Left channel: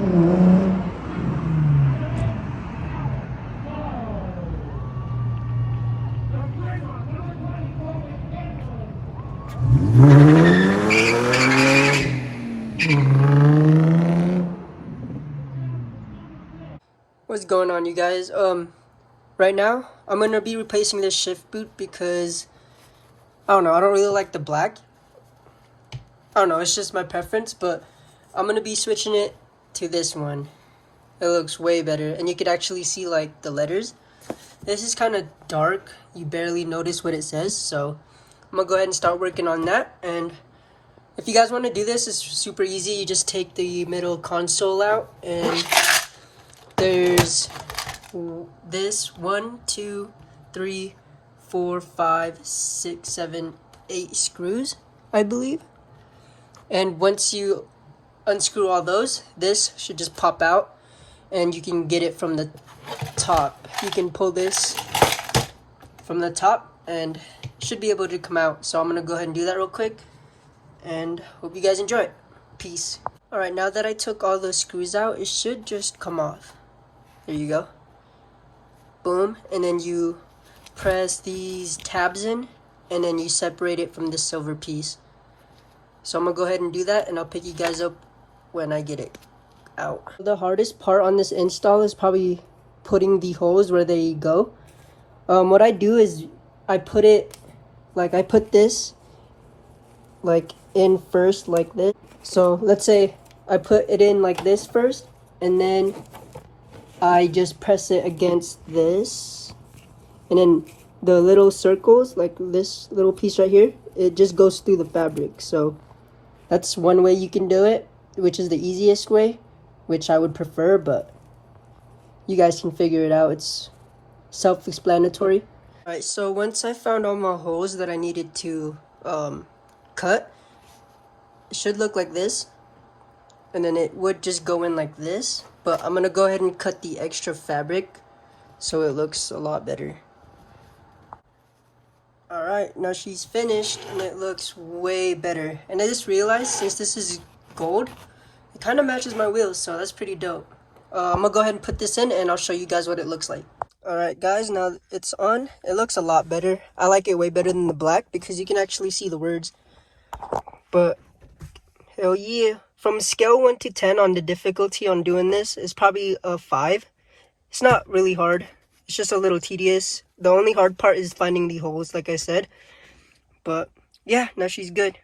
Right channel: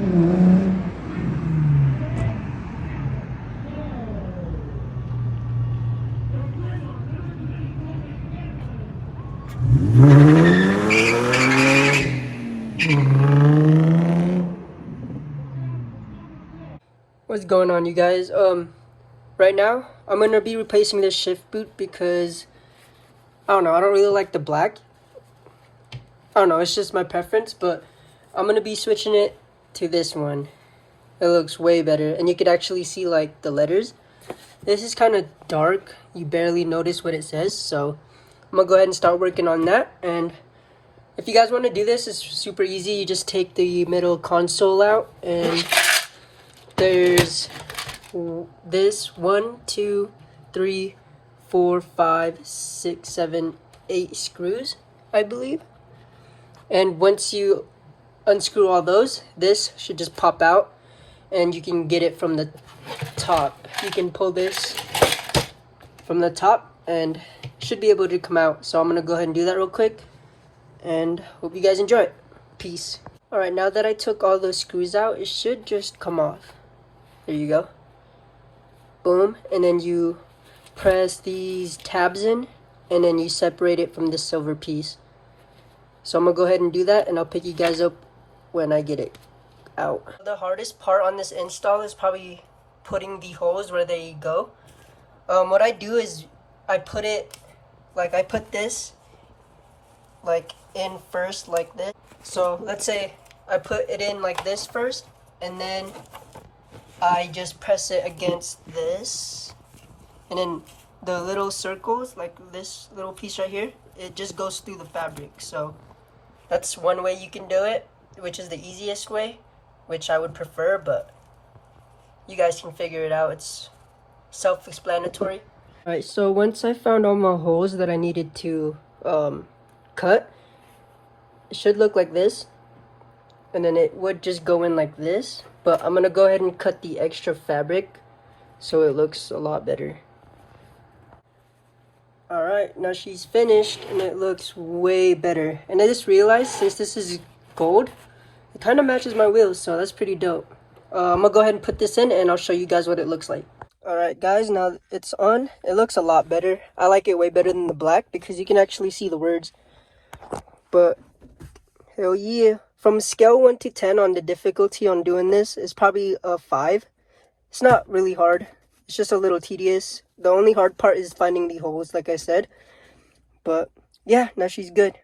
What's going on, you guys? Right now I'm gonna be replacing this shift boot because I don't know, I don't really like the black. I don't know, it's just my preference, but I'm gonna be switching it to this one. It looks way better, and you could actually see like the letters. This is kind of dark, you barely notice what it says, so I'm gonna go ahead and start working on that. And if you guys want to do this, it's super easy. You just take the middle console out, and there's this 1, 2, 3, 4, 5, 6, 7, 8 screws, I believe. And once you unscrew all those, this should just pop out, and you can get it from the top. You can pull this from the top and should be able to come out. So I'm gonna go ahead and do that real quick, and hope you guys enjoy it. Peace. Alright, now that I took all those screws out, it should just come off. There you go. Boom. And then you press these tabs in, and then you separate it from the silver piece. So I'm gonna go ahead and do that, and I'll pick you guys up when I get it out. The hardest part on this install is probably putting the holes where they go. What I do is I put this like in first, like this. So let's say I put it in like this first, and then I just press it against this, and then the little circles, like this little piece right here, it just goes through the fabric. So that's one way you can do it, which is the easiest way, which I would prefer, but you guys can figure it out. It's self-explanatory. Alright, so once I found all my holes that I needed to cut, it should look like this, and then it would just go in like this. But I'm gonna go ahead and cut the extra fabric so it looks a lot better. Alright, now she's finished, and it looks way better. And I just realized, since this is gold, it kind of matches my wheels, so that's pretty dope. I'm gonna go ahead and put this in, and I'll show you guys what it looks like. Alright guys, now it's on. It looks a lot better. I like it way better than the black because you can actually see the words. But hell yeah. From scale 1 to 10 on the difficulty on doing this is probably a 5. It's not really hard. It's just a little tedious. The only hard part is finding the holes, like I said. But yeah, now she's good.